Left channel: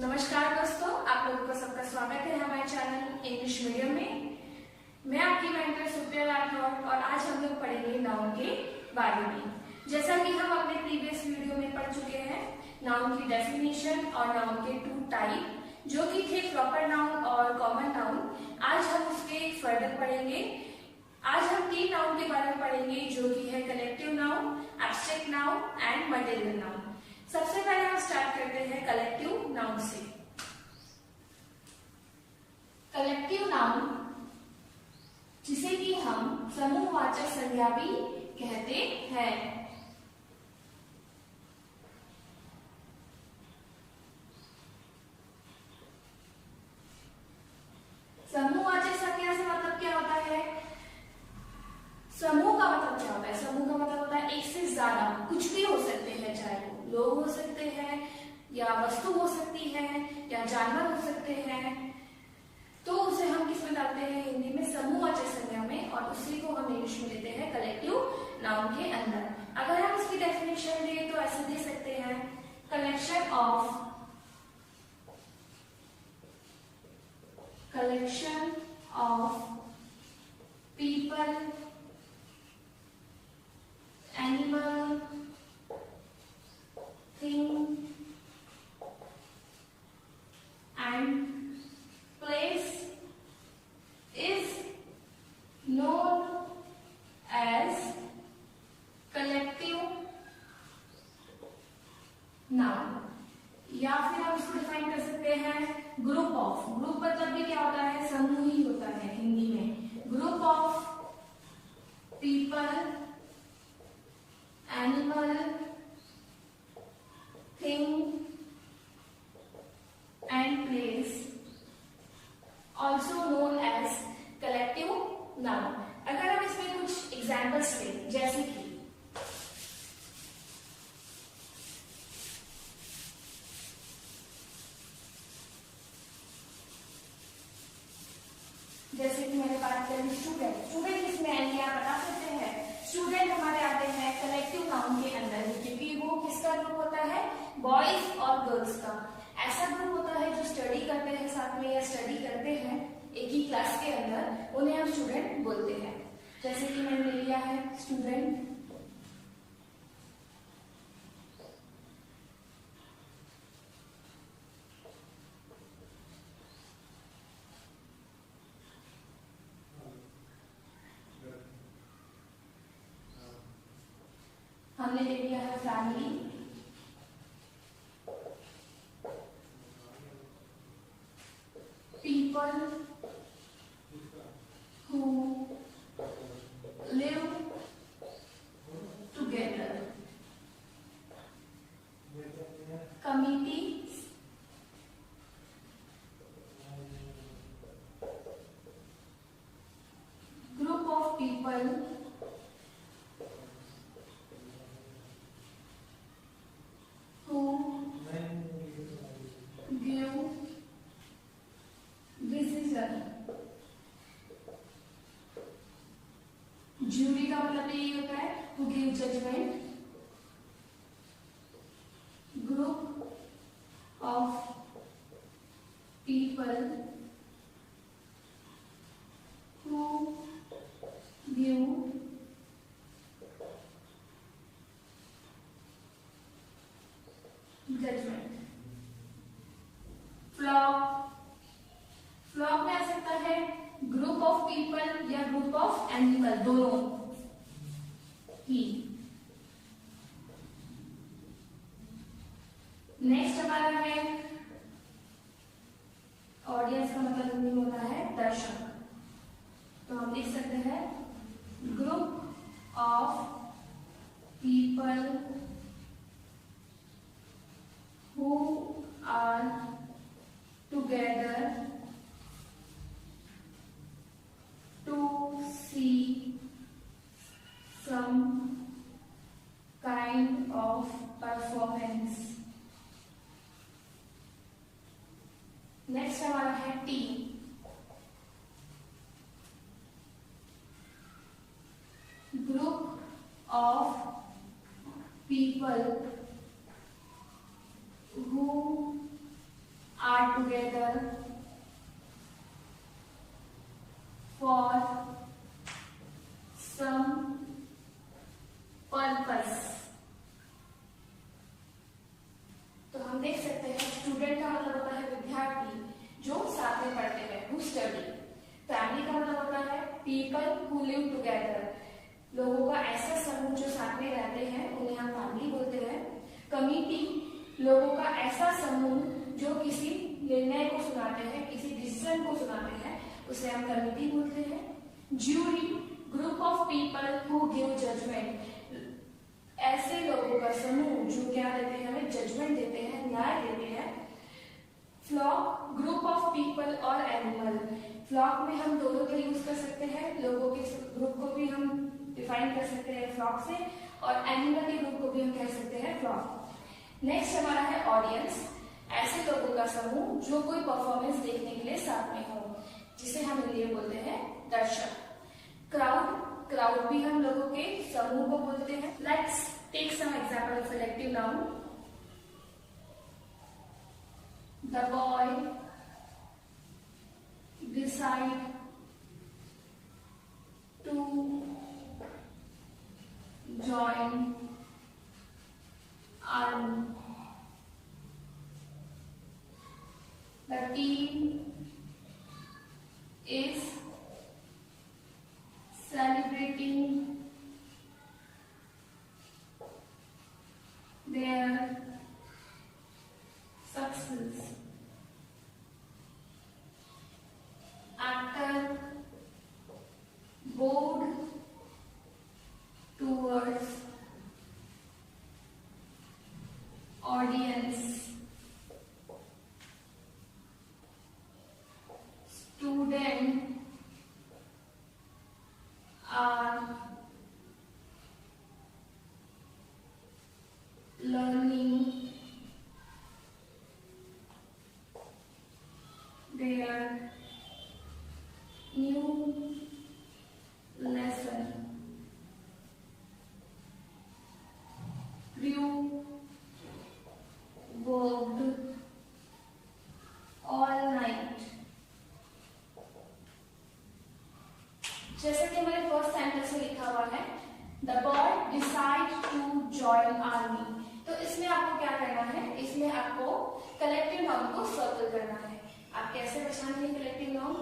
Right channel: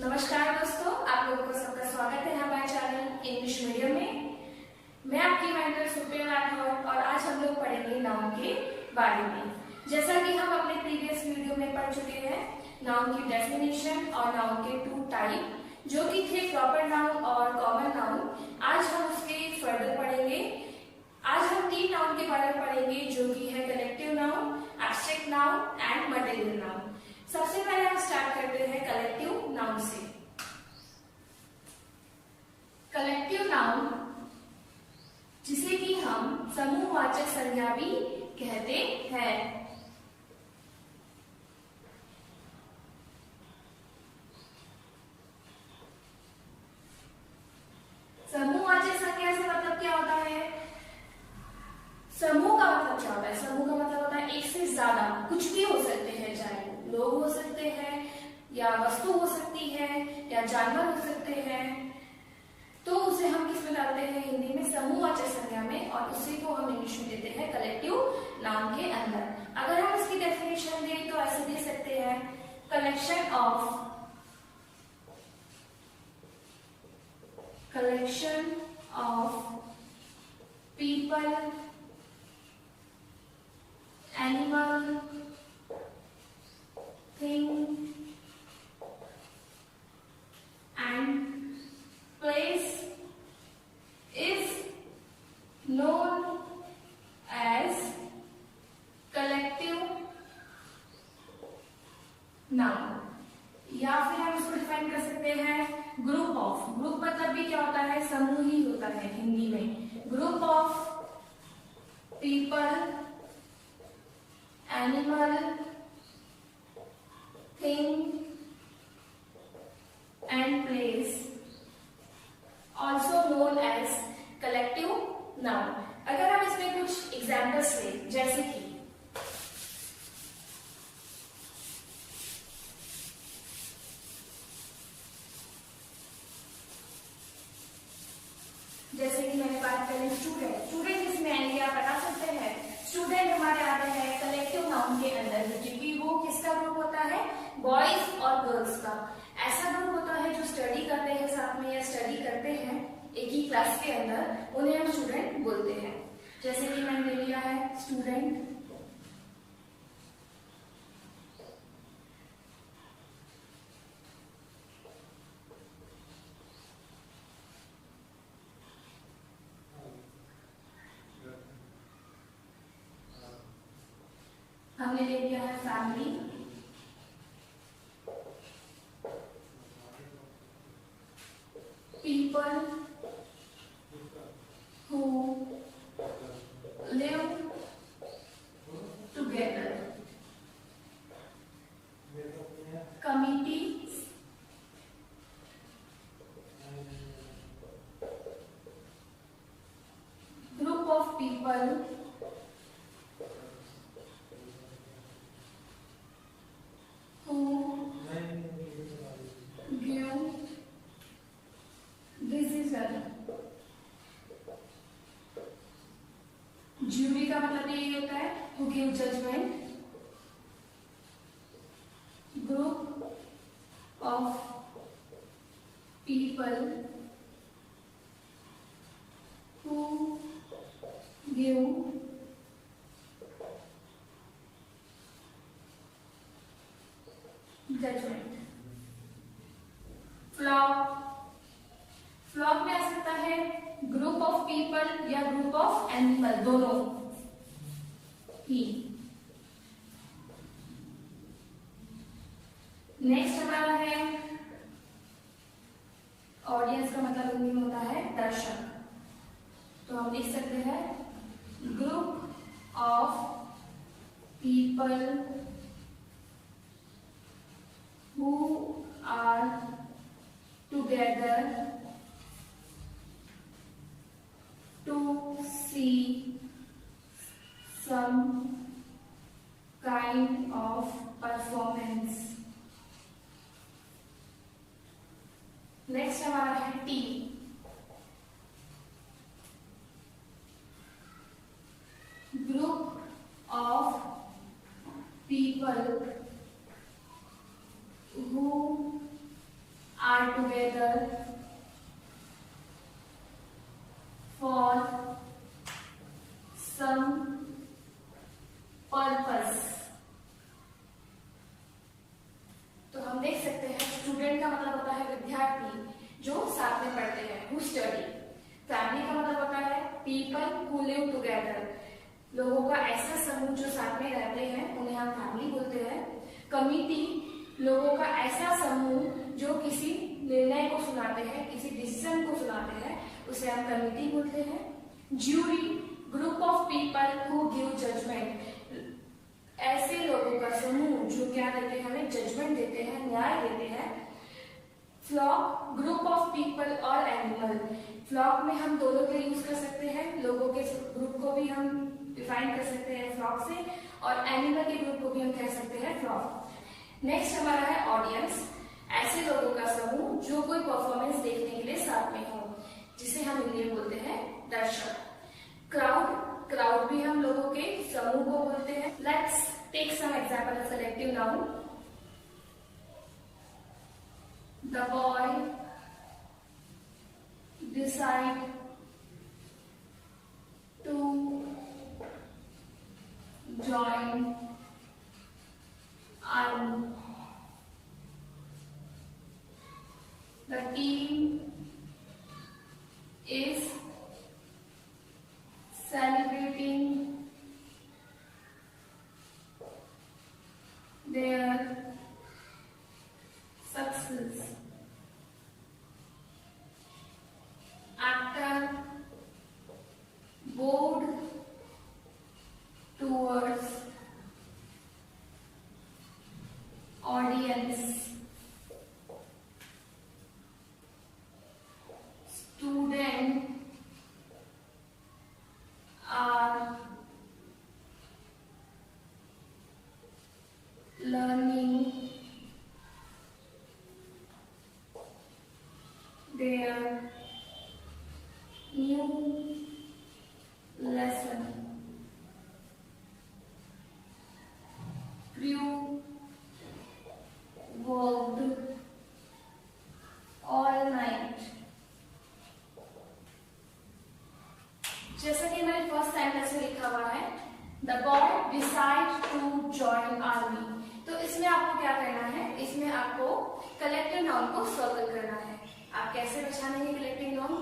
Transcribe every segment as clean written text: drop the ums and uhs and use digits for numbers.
नमस्कार दोस्तों, आप लोगों का सबका स्वागत है हमारे चैनल इंग्लिश मीडियम में। मैं आपकी मेंटर सुप्रिया राठौर और आज हम लोग पढ़ेंगे नाउन के बारे में। जैसा कि हम अपने प्रीवियस वीडियो में पढ़ चुके हैं नाउन की डेफिनेशन और नाउन के टू टाइप जो कि थे प्रॉपर नाउन और कॉमन नाउन। आज हम उसके फर्दर पढ़ेंगे। आज हम तीन नाउन के बारे में पढ़ेंगे जो कि है collective noun, abstract noun and material noun. सबसे पहले हम स्टार्ट करते हैं कलेक्टिव नाउन से। कलेक्टिव नाउन जिसे कि हम समूहवाचक संज्ञा भी कहते हैं। समूहवाचक संज्ञा से मतलब क्या होता है? समूह का मतलब क्या होता है? समूह का मतलब होता है एक से ज्यादा, कुछ भी हो सकते हैं, चाहे वो लोग हो सकते हैं या वस्तु हो सकती है या जानवर हो सकते हैं। तो उसे हम किस में डालते हैं? हिंदी में समूहवाचक संज्ञा में, और उसी को हम इंग्लिश में देते हैं कलेक्टिव नाउन के अंदर। अगर हम इसकी डेफिनेशन दें तो ऐसे दे सकते हैं, collection of people, animal, thing and place is known as collective noun। या फिर हम इसको डिफाइन कर सकते हैं ग्रुप ऑफ। ग्रुप मतलब भी क्या होता है? समूह ही होता है हिंदी में। Group of people, animal, thing and place also known as collective noun। अगर हम इसमें कुछ एग्जाम्पल्स लें, जैसे कि मैंने बात करी स्टूडेंट। स्टूडेंट इसमें आएंगे, आप बता सकते हैं स्टूडेंट हमारे आते हैं कलेक्टिव नाउन के अंदर ही, क्योंकि वो किसका ग्रुप होता है? बॉयज और गर्ल्स का। ऐसा ग्रुप होता है जो स्टडी करते हैं साथ में या स्टडी करते हैं एक ही क्लास के अंदर, उन्हें हम स्टूडेंट बोलते हैं। जैसे कि मैंने ले लिया है स्टूडेंट, हमने ले लिया है family, people who live together, committees, group of people who give decision. Jury का मतलब ये होता है to give judgement. Group of people who give judgement. Flock, flock में आ सकता है ग्रुप ऑफ पीपल या ग्रुप ऑफ एनिमल, दोनों ही। नेक्स्ट हमारा है ऑडियंस का मतलब हिंदी में होता है दर्शक। तो हम लिख सकते हैं group of people who are together to see some kind of performance। Next हमारा है team. Group of people who together for some purpose। तो हम देख सकते हैं स्टूडेंट का मतलब होता है विद्यार्थी जो साथ में पढ़ते हैं, who study। फैमिली का मतलब होता है people who live together, लोगों का ऐसा समूह जो साथ में रहते हैं उन्हें हम फैमिली बोलते हैं। कमिटी, लोगों का ऐसा समूह जो किसी निर्णय को सुनाते हैं, किसी डिसीजन को सुनाते हैं, उसे हम कमिटी बोलते हैं। Jury, group of people who give judgement, ऐसे लोगों का समूह जो क्या देते हैं, हमें जजमेंट देते हैं, न्याय देते हैं। फ्लॉक, ग्रुप ऑफ पीपल और एनिमल, फ्लॉक में हम दोनों का यूज कर सकते हैं, लोगों के ग्रुप को भी हम डिफाइन कर सकते हैं फ्लॉक से, और एनिमल के ग्रुप को भी हम कह सकते हैं फ्लॉक। नेक्स्ट हमारा है ऑडियंस, ऐसे लोगों का समूह जो कोई परफॉर्मेंस देखने के लिए साथ में हो, जिसे हम हिंदी में बोलते हैं दर्शक। क्राउड, क्राउड भी हम लोगों के समूह को बोलते हैं। Let's take some example of collective noun. The boy decide to join army. The team is celebrating their success. Actor bowed towards audience. Students are learning their new lesson. Crew worked all night. जैसा कि हमारे first sentence में लिखा हुआ है, the boy decide to join army, तो इसमें आपको क्या करना है, इसमें आपको कलेक्टिव नाउन को सर्कल करना है। आप कैसे पहचानेंगे कलेक्टिव नाउन?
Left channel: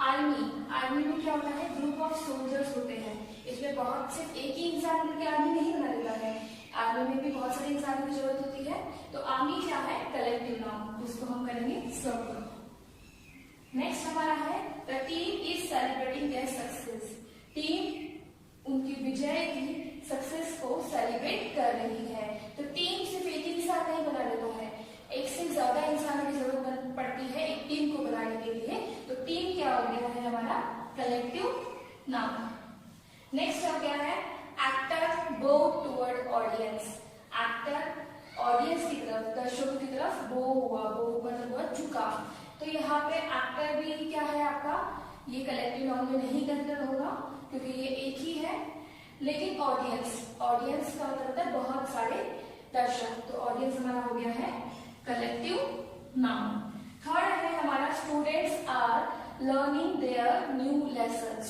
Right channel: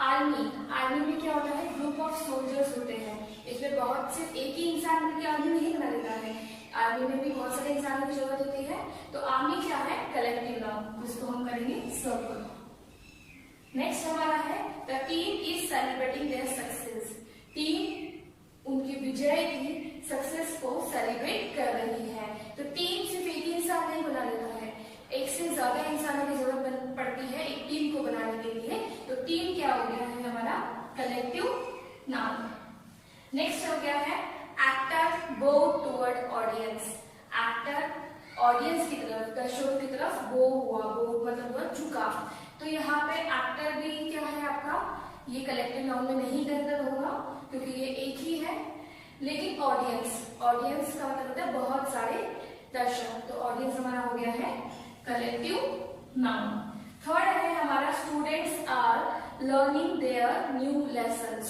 आर्मी, आर्मी में क्या होता है, ग्रुप ऑफ सोल्जर्स होते हैं, इसमें बहुत सिर्फ एक ही इंसान मिलकर आर्मी नहीं बना देता है, आर्मी में भी बहुत सारे इंसानों की जरूरत होती है। तो आर्मी क्या है, कलेक्टिव नाउन, उसको हम करेंगे सर्कल। नेक्स्ट हमारा है the team is celebrating their success, team उनकी विजय की सक्सेस को सेलिब्रेट कर रही है। तो टीम सिर्फ एक ही इंसान नहीं बना देता है, एक से ज्यादा इंसानों की जरूरत पड़ती है एक टीम को बनाने के लिए। तो टीम क्या हो गया है हमारा, कलेक्टिव नाउन। नेक्स्ट हो गया है एक्टर बो टुवर्ड ऑडियंस, एक्टर ऑडियंस की तरफ, दर्शकों की तरफ बो हुआ, बो मतलब हुआ झुका। तो यहाँ पे एक्टर भी क्या है आपका, ये कलेक्टिव नाउन में नहीं कंसिडर होगा क्योंकि ये एक ही है। लेकिन ऑडियंस, ऑडियंस का मतलब होता है बहुत सारे दर्शक, तो ऑडियंस हमारा हो गया है कलेक्टिव नाउन। थर्ड है हमारा students are learning their new lesson,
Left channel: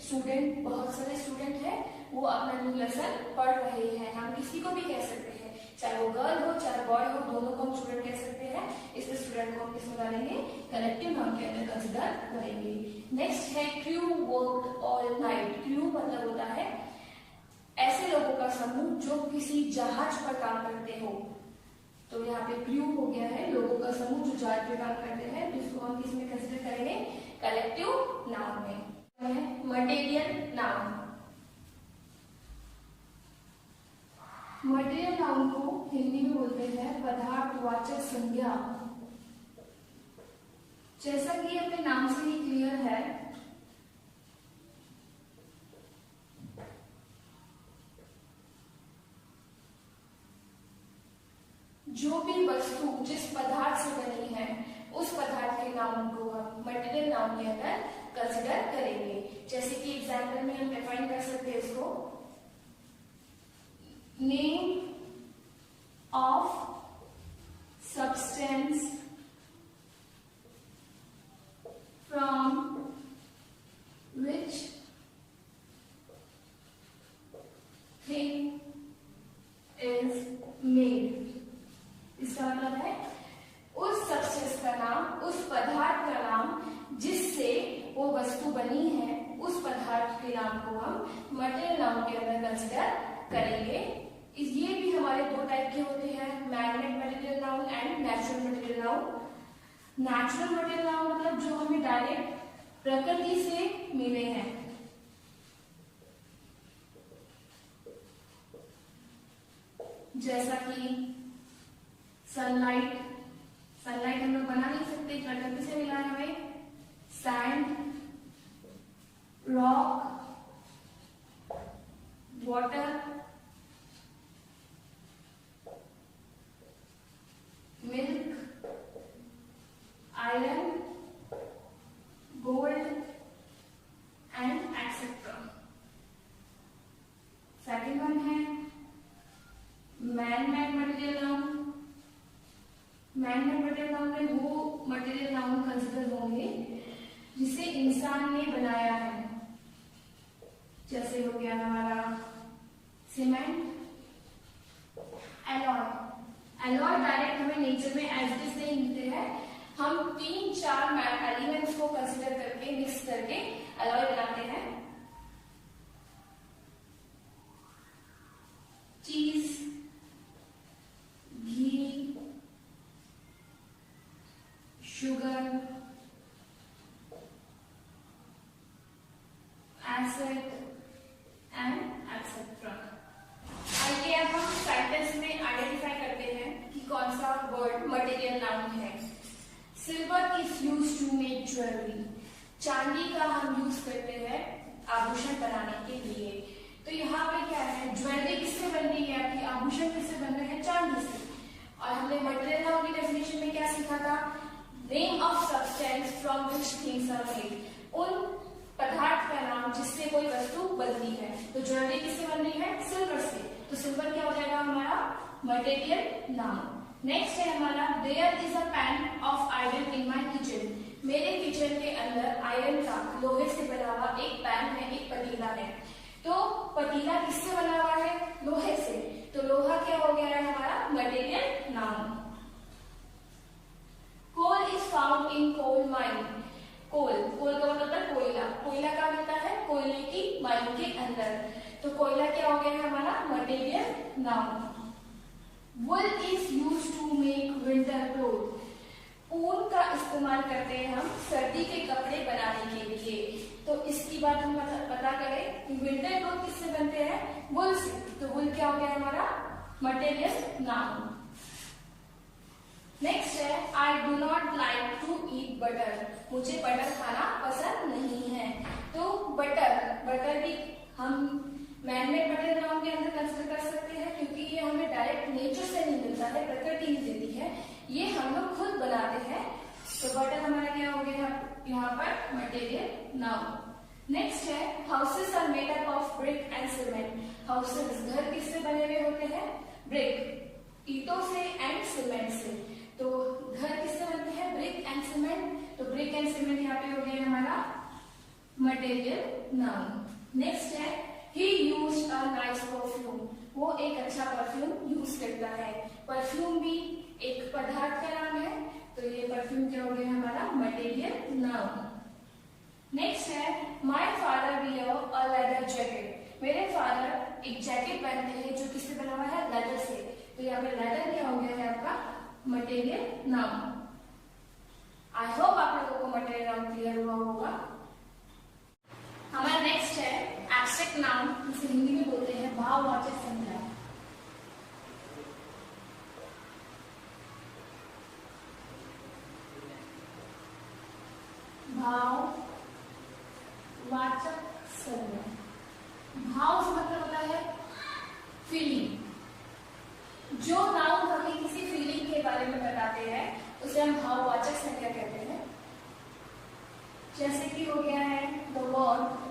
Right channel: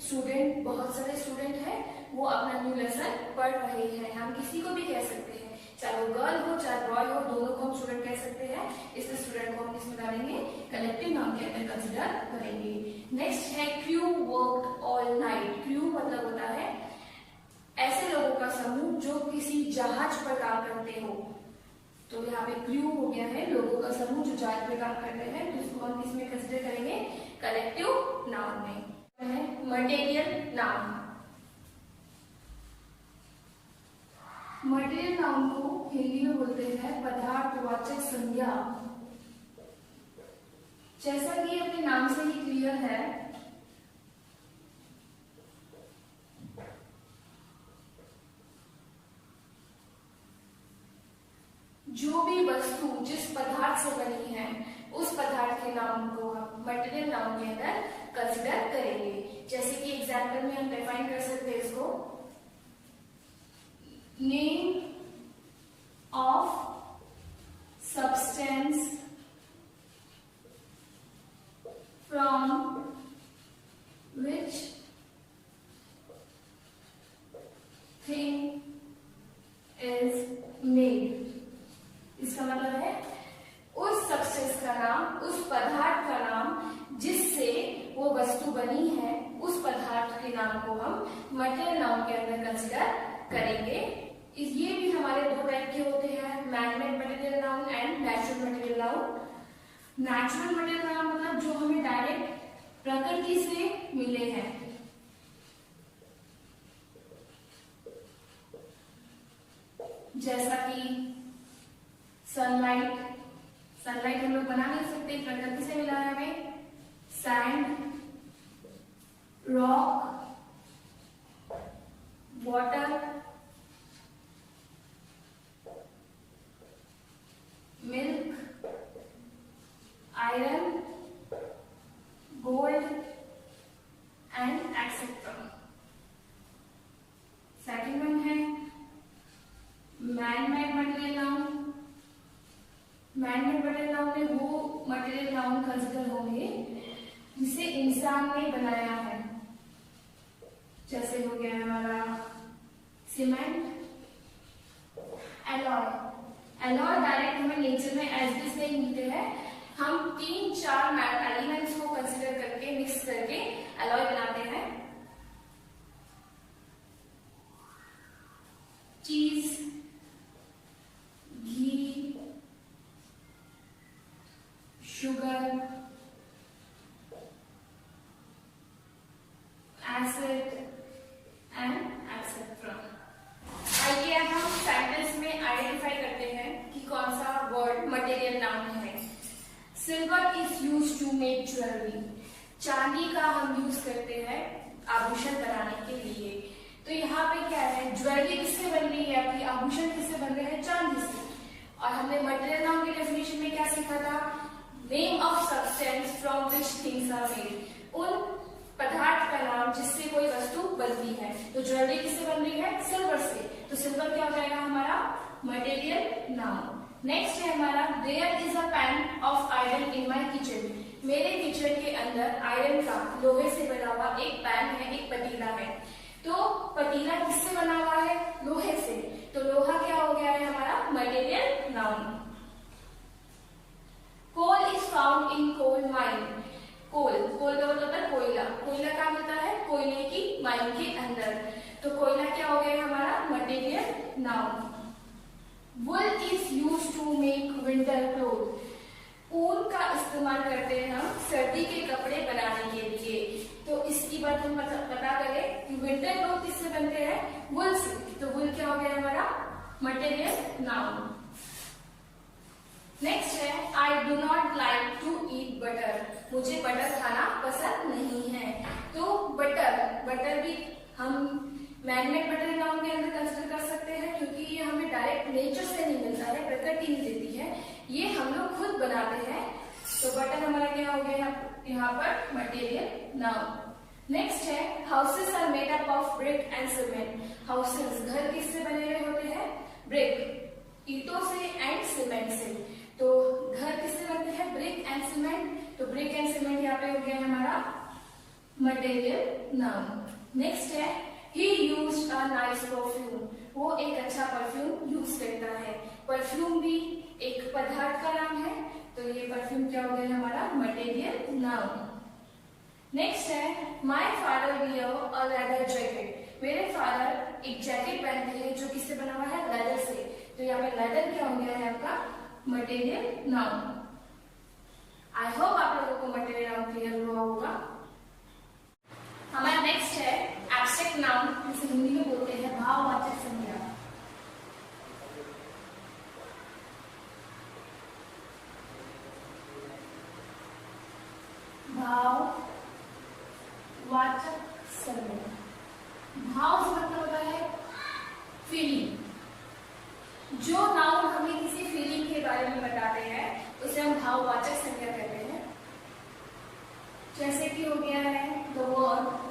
student बहुत सारे स्टूडेंट हैं, वो अपना न्यू लेसन पढ़ रहे हैं। हम किसी को भी कह सकते हैं, चाहे वो गर्ल हो चाहे बॉय हो, दोनों को हम स्टूडेंट कह सकते हैं। इसलिए स्टूडेंट को हम किसमें डालेंगे, कलेक्टिव नाउन के अंदर कंसिडर करेंगे। नेक्स्ट है crew worked all night, crew मतलब होता है ऐसे लोगों का समूह जो किसी जहाज पर काम करते हो। तो यहाँ पे क्रू हो गया है लोगों का समूह जो जहाज पर काम करते हैं, तो उसको हम किसमें कंसिडर करेंगे, कलेक्टिव नाउन में। मटेरियल नाउन, मटेरियल नाउन को हिंदी में बोलते हैं पदार्थवाचक संज्ञा। जैसा कि अपने नाम से ही क्लियर है, जो भी वस्तु जिस पदार्थ से बनी है उस पदार्थ के नाम को हम मटेरियल नाउन के अंदर कंसिडर करेंगे। जैसे कि एग्जाम्पल में हम डिफाइन कर सकते हैं इसको, name of substance material noun के अंदर कंसिडर करेंगे। ये भी हमारे दो टाइप के होते हैं, man-made material noun and natural material noun. Natural material noun मतलब जो हमें डायरेक्ट प्रकृति से मिले हैं, जैसा कि सनलाइट। सनलाइट हम लोग बना नहीं सकते, प्रकृति से मिला है हमें। Sand, rock, water, milk, iron, gold and etcetera. Second one है man-made material noun. Man-made material noun में वो मटेरियल नाउन कंसिडर होंगे जिसे इंसान ने बनाया है, जैसे हो गया हमारा सीमेंट, एलॉय। एलॉय डायरेक्ट हमें नेचर में एज इट इज नहीं मिलते हैं, हम 3-4 एलिमेंट्स को कंसिडर करके मिक्स करके एलॉय बनाते हैं। चीज, घी, शुगर, एसिड एंड एक्सेट्रा। आइए अब हम सेंटेंस में आइडेंटिफाई करते हैं कि कौन सा वर्ड मटेरियल नाउन है। Silver is used to make jewellery. चांदी का हम यूज करते हैं आभूषण बनाने के लिए। तो यहाँ पे क्या है, ज्वेलरी किससे बन रही है आपकी, आभूषण किससे बन रहे हैं, चांदी से। और हमने मटेरियल नाउन की डेफिनेशन में क्या सीखा था, name of substance from which things are made. उन पदार्थ का नाम जिससे कोई वस्तु बनती है। तो ज्वेलरी किससे बन रही है, सिल्वर से। तो सिल्वर क्या हो जाएगा हमारा मटेरियल नाउन। नेक्स्ट है हमारा there is a pan of iron in my kitchen. मेरे किचन के अंदर आयरन का, लोहे से बना हुआ एक पैन है, एक पतीला है। तो पतीला किससे बना हुआ है, लोहे से। तो लोहा क्या हो गया है हमारा material noun. Coal is found in coal mine. Coal का मतलब होता है कोयला। कोयला कहाँ मिलता है, कोयले की माइन के अंदर। तो कोयला क्या हो गया हमारा material noun. Wool is used to make winter cloth. ऊन का इस्तेमाल करते हैं हम सर्दी के कपड़े बनाने के लिए। तो इसकी बात हम पता करें कि विंटर क्लोथ किससे बनते हैं, वुल से। तो वुल क्या हो गया हमारा मटेरियल नाउन। नेक्स्ट है I do not like to eat butter. मुझे बटर खाना पसंद नहीं है। तो बटर भी हम मैन-मेड मटेरियल नाउन के अंदर कंसिडर कर सकते हैं, क्योंकि ये हमें डायरेक्ट नेचर से नहीं मिलता है, प्रकृति नहीं देती है, ये हम लोग खुद बनाते हैं। तो बटर हमारा क्या हो गया यहाँ पर मटेरियल नाउन। नेक्स्ट है houses are made up of brick and cement. Houses घर किससे बने हुए होते हैं, ब्रिक, ईंटों से एंड सीमेंट से। तो घर किससे बनते हैं, ब्रिक एंड सीमेंट। तो ब्रिक एंड सीमेंट यहाँ पे हो गया हमारा मटेरियल नाउन। नेक्स्ट है ही यूज्ड अ नाइस परफ्यूम। वो एक अच्छा परफ्यूम यूज करता है। परफ्यूम भी एक पदार्थ का नाम है। तो ये परफ्यूम क्या हो गया हमारा मटेरियल नाउन। नेक्स्ट है my father wear a leather jacket. मेरे फादर एक जैकेट पहनते हैं जो किससे बना हुआ है, लेदर से। तो यहाँ पे लेदर क्या हो गया है आपका मटेरियल नाउन। आई होप आप लोगों को मटेरियल नाउन क्लियर हुआ होगा। हमारा नेक्स्ट है एब्स्ट्रैक्ट नाउन, जिसे हिंदी में बोलते हैं भाववाचक संज्ञा। भाववाचक संज्ञा। भाव से मतलब होता है फीलिंग। जो नाउन हमें किसी फीलिंग के बारे में बताते हैं उसे हम भाववाचक संज्ञा कहते हैं। जैसे कि हो गया है the word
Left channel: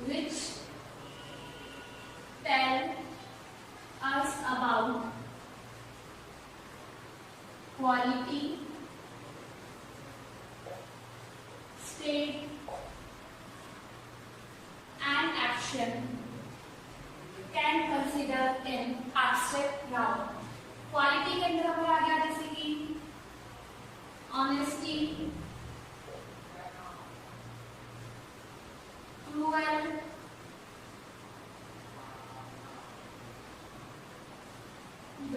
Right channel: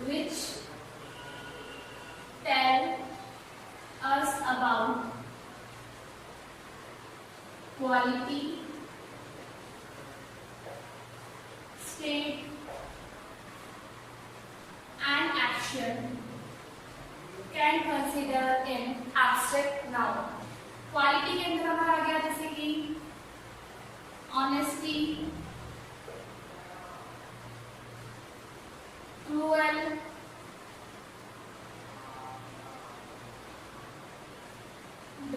which tell us about quality, state and action can consider in abstract noun. Quality के अंदर हमारा आ गया जैसे कि ऑनेस्टी,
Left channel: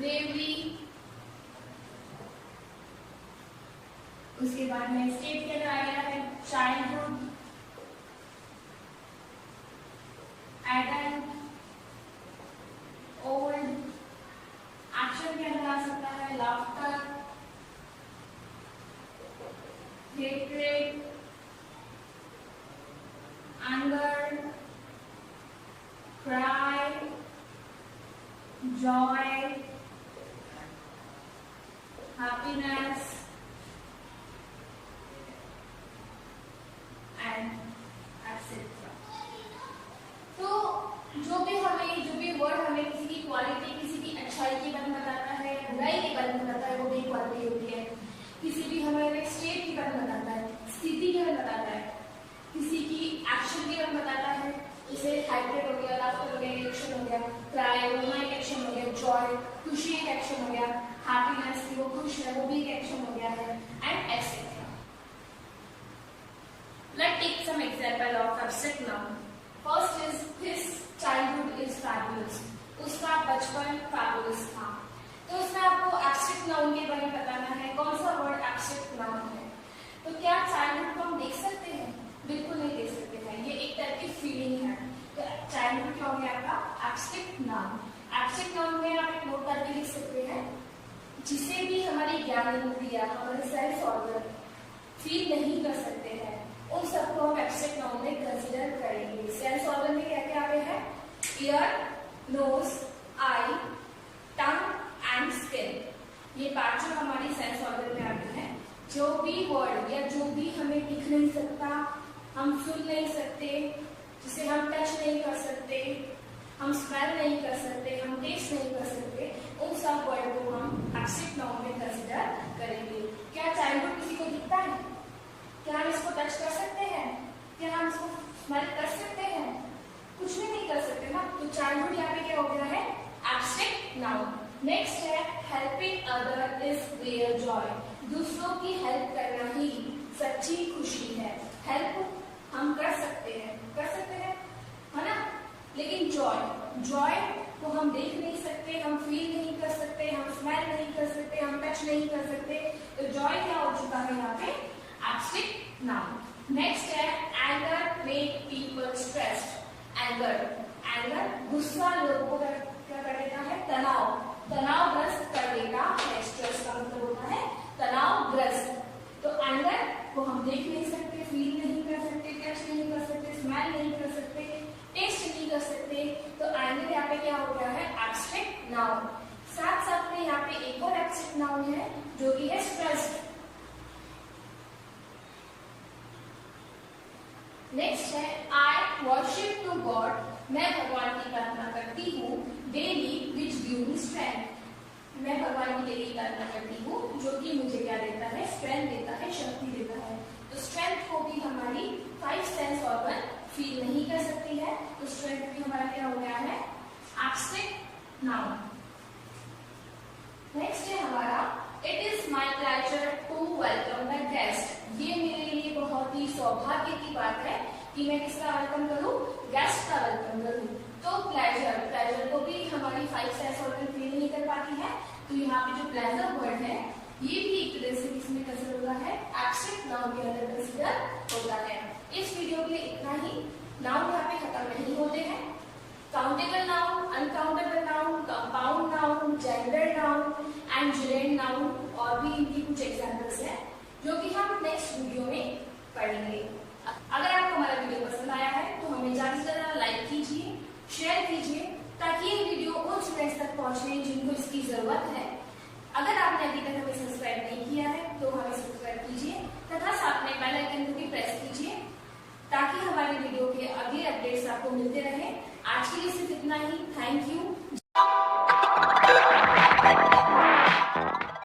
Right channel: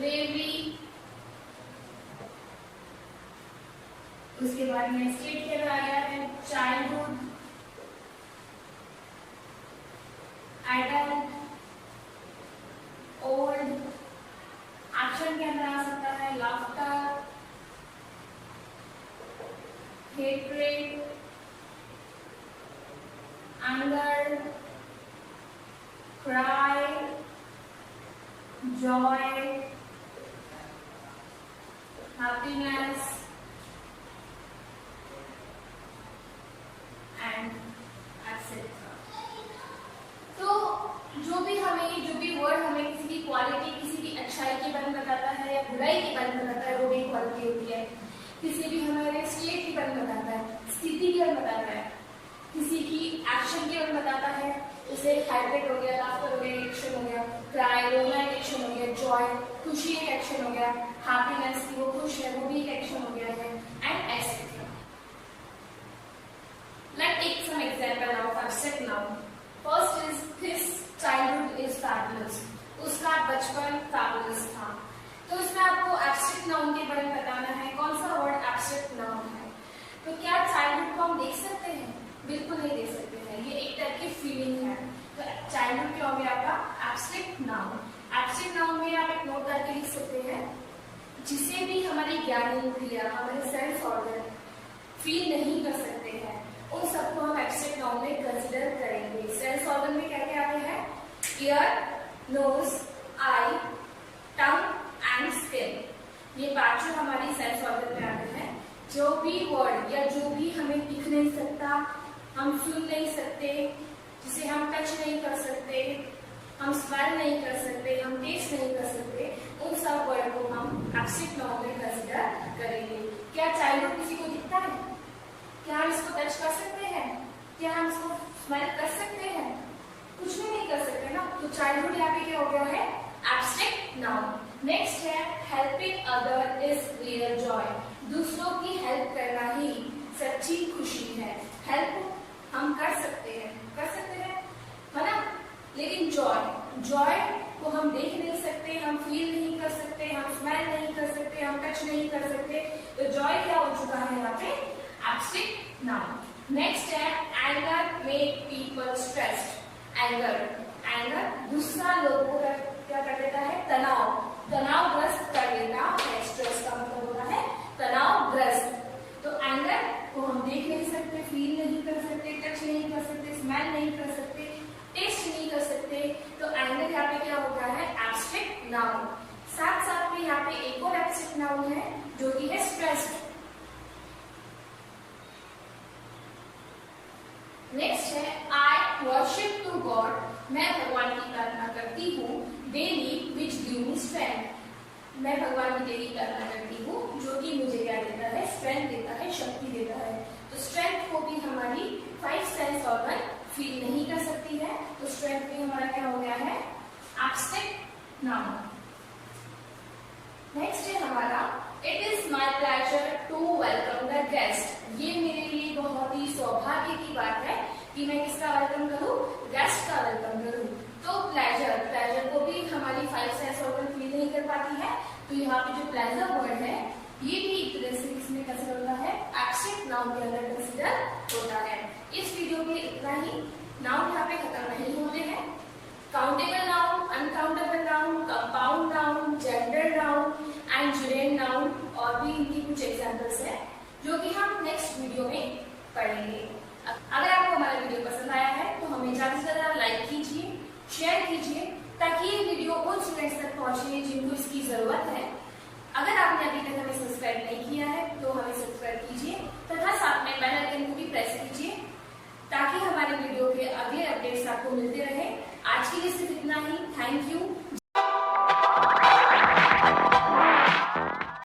ब्रेवरी, उसके बाद में स्टेट के अंदर आ गया है चाइल्डहुड, एडल्ट, ओल्ड। एक्शन के अंदर आ सकता है laughter, hatred, anger, cry, Joy, happiness and etcetera. तो जो भी वर्ड हमें किसी की क्वालिटी, किसी की अच्छाई के बारे में बताता है या बुराई के बारे में बताता है, वो भी क्वालिटी होती है। किसी भी हमारे स्टेट के बारे में बताता है, स्थिति के बारे में बताता है, किसी की एक्शन के बारे में बताता है, जैसे हाइब्रिड हो गया, लाफ्टर हो गया, एक्शन हो गया, क्राई, रोना एक एक्शन हो गया, जॉय खुशी एक एक्शन हो गया, हैप्पीनेस की वो खुश है वो भी एक एक्शन हो गया है, and etcetera. Let's take some example of abstract noun. First is his childhood is fabulous, उसका बचपन फैबुलस था। तो इसमें आपको एब्स्ट्रैक्ट नाउन के बारे में बताना है, कौन सा वर्ड एब्स्ट्रैक्ट नाउन है। तो क्या चाइल्डहुड को हम देख सकते हैं? बिल्कुल नहीं देख सकते हैं, ये एक टाइप की फीलिंग है। तो चाइल्डहुड क्या हो गया आपका एब्स्ट्रैक्ट नाउन। एब्स्ट्रैक्ट नाउन में आप एक नोट करके लिख सकते हैं, जिसे भी हमारी ज्ञानेंद्रिया, हमारे सेंस ऑर्गन फील नहीं कर सकते हैं, उन सबको हम एब्स्ट्रैक्ट नाउन में कंसीडर करेंगे। सेंस ऑर्गन में क्या क्या आते हैं? Ear, nose, eye, tongue and skin. ये पांच जो हमारी सेंस ऑर्गन में आते हैं। जो भी वर्ड या जो भी हमें दिख नहीं सकता, हम सुन नहीं सकते, जिसे हम टच नहीं कर सकते, हम स्मेल नहीं कर सकते, हम टेस्ट नहीं कर सकते, उन सब वर्ड को हम एब्स्ट्रैक्ट नाउन में कंसीडर करेंगे। क्या चाइल्डहुड किसी को दिखता है? क्या हम इसको टच कर सकते हैं? क्या हम इसको स्मेल कर सकते हैं? कुछ भी नहीं कर सकते ना। तो चाइल्डहुड यहाँ पे क्या हो गया है? Abstract noun. नेक्स्ट है helping other is real Joy. दूसरों की हेल्प करना ही सच्ची खुशी है। हेल्प हम कर सकते हैं है ना, लेकिन जॉय को हम देख नहीं सकते, हम फील नहीं कर सकते, हम स्मेल नहीं कर सकते, हम टच नहीं कर सकते। तो जॉय क्या हो चुका है यहाँ पे? Abstract noun. नेक्स्ट है anger make people stressed. Anger गुस्सा लोगों को क्या कर देता है? तनावग्रस्त कर देता है। स्ट्रेस का मतलब होता है तनावग्रस्त। तो एंगर को हम देख नहीं सकते, फील नहीं कर सकते, टच नहीं कर सकते, स्मेल नहीं कर सकते, टेस्ट नहीं कर सकते। तो एंगर यहाँ पे क्या होता है? Abstract noun. साथ साथ में यहाँ पे एक और एब्स्ट्रैक्ट नाउन है जो कि है स्ट्रेस्ड। नेक्स्ट है आई वर्शिप टू गॉड। मैं भगवान की प्रार्थना करती हूँ। Daily which give me strength. मैं भगवान की डेली प्रार्थना करती हूँ जो कि मुझे क्या देता है? स्ट्रेंथ देता है, शक्ति देता है। तो स्ट्रेंथ को भी हमारी 5 सेंस ऑर्गन फील नहीं कर सकती है। तो स्ट्रेंथ भी हमारा क्या हो गया है? Abstract noun. नेक्स्ट है हमारा it is my pleasure to welcome the guest. ये मेरे लिए बहुत ही सौभाग्य की बात है कि मैं किसका वेलकम करूं? गेस्ट का वेलकम करूं। तो प्लेजर को भी हमारी 5 सेंस ऑर्गन फील नहीं कर पाती है। तो यहाँ पे जो प्लेजर वर्ड है ये भी एक तरह से किसमें कंसीडर होता है? एब्स्ट्रैक्ट नाउन के अंदर कंसीडर होता है। इस वीडियो के इतना ही। नाउन यहाँ पे खत्म नहीं होते हैं। Countable noun, uncountable noun, compound noun, gender noun and जुरेंट नाउन और भी इनकी कुछ एग्जाम्पल्स हैं जो कि हम नेक्स्ट वीडियो में पढ़ेंगे। अगर आपको हमारा वीडियो पसंद आया है तो हमें ज्यादा से ज्यादा लाइक कीजिए, शेयर कीजिए ताकि ये वीडियो उन स्टूडेंट्स तक पहुंचे जिनको इसकी जरूरत है। अगर आपने अभी तक हमें सब्सक्राइब नहीं किया है तो हमें सब्सक्राइब कीजिए तथा साथ में बेल आइकन को भी प्रेस कीजिए ताकि हमारे वीडियो के अगले अपडेट्स आपको मिलते रहे। आज के लिए सिर्फ इतना ही। Thank you.